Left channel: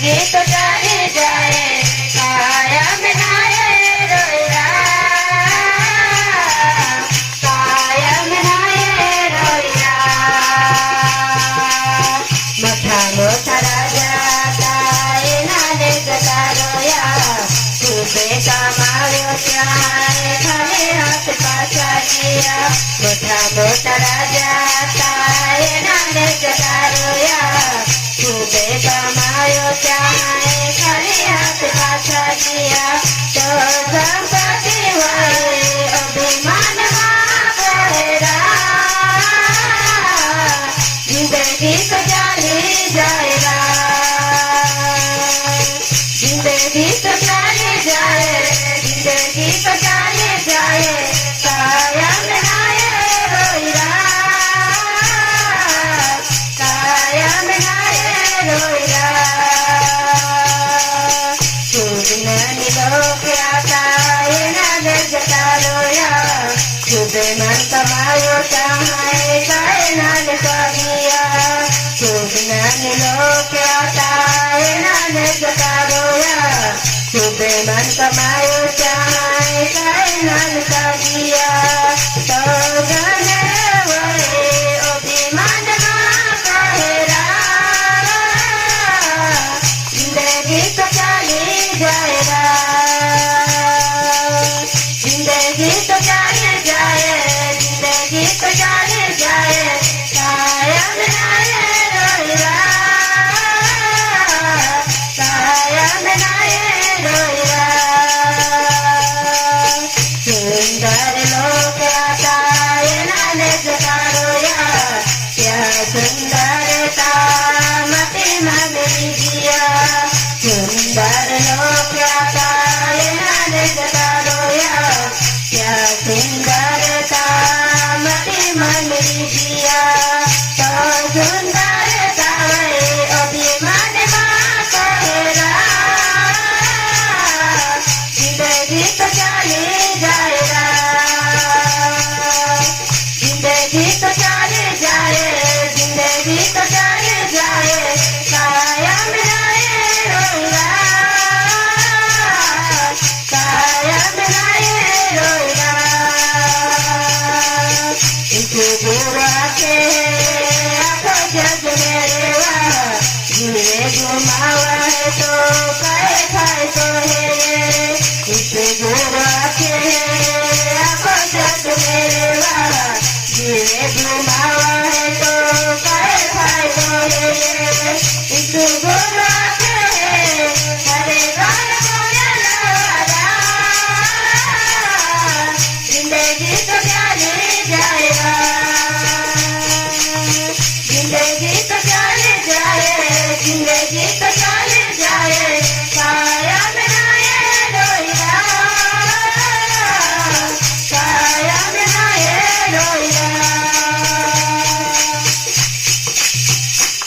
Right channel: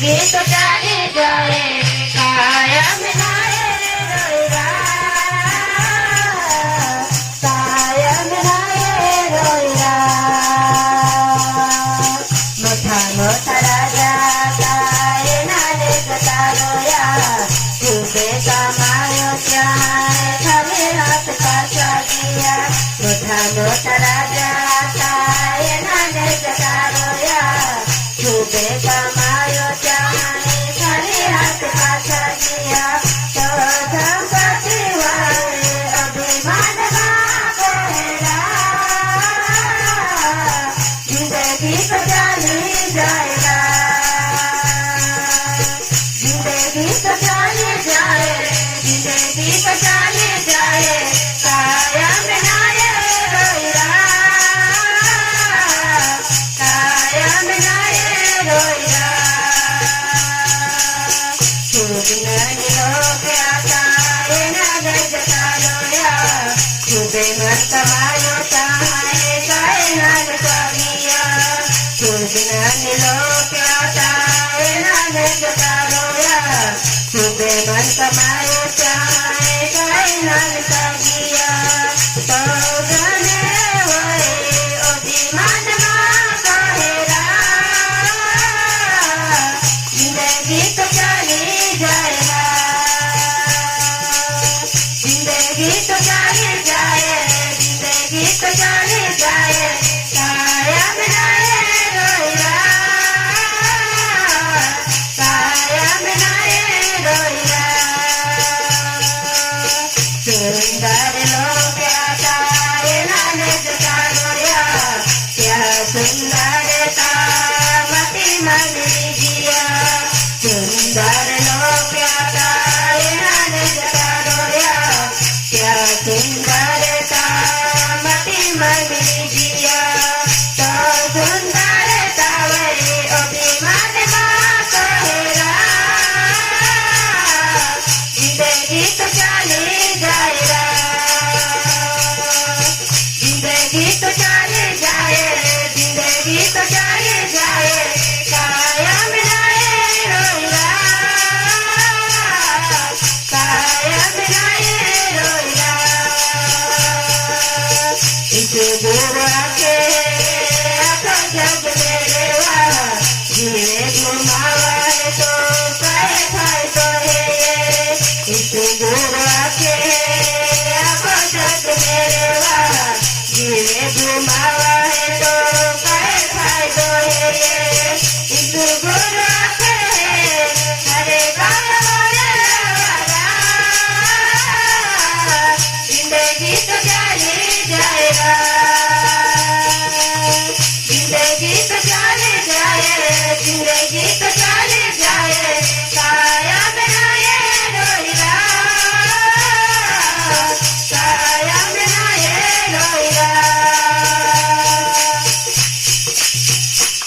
जिंदगी तो चली जाए कायम नाये रोया कायम नाये रोया मोठा मोठा राजा काय नाने जता रोया तुझे कमायो त्यारे खाली हाथ पाछा किया मोठा मोठा राजा काय नाने जता रोया तुझे कमायो त्यारे खाली हाथ पाछा किया तो संपत्ति वाले अभिमान पड़ेगा जिंदगी तो चली जाएगा जिंदगी तो चली जाए जिंदगी तो चली जाए कायम नाये रोया कायम नाये रोया खुदननी लोग आकाय नाने जता रोया खुदे मन कमायो चाहे काय नाने कगिया खुदननी लोग आकाय नाने जता रोया खुदे मन कमायो चाहे काय नाने कगिया तो गने वहे अभिमान कहेरा जिंदगी तो चली जाएगा जिंदगी तो चली जाए जिंदगी तो चली जाए कायम नाये रोया कायम नाये रोया सुंदर लोग आकाय नाने जता रोया क्या सुंदरता मति मन लीजिया सुंदर लोग आकाय नाने जता रोया क्या सुंदरता मति मन लीजिया तो सुंदरता वे अभिमान कहेगा जिंदगी तो चली जाएगा जिंदगी तो चली जाए जिंदगी तो चली जाए कायम नाये रोया कायम नाये रोया इस बुरा के आखो जग मेरे जीवे घुमावा है तो काय खाए तो है इस बुरा के आखो जग मेरे जीवे घुमावा है तो काय खाए तो है इस बुरा के हरे गाना जिंदगी तो चली जाएगा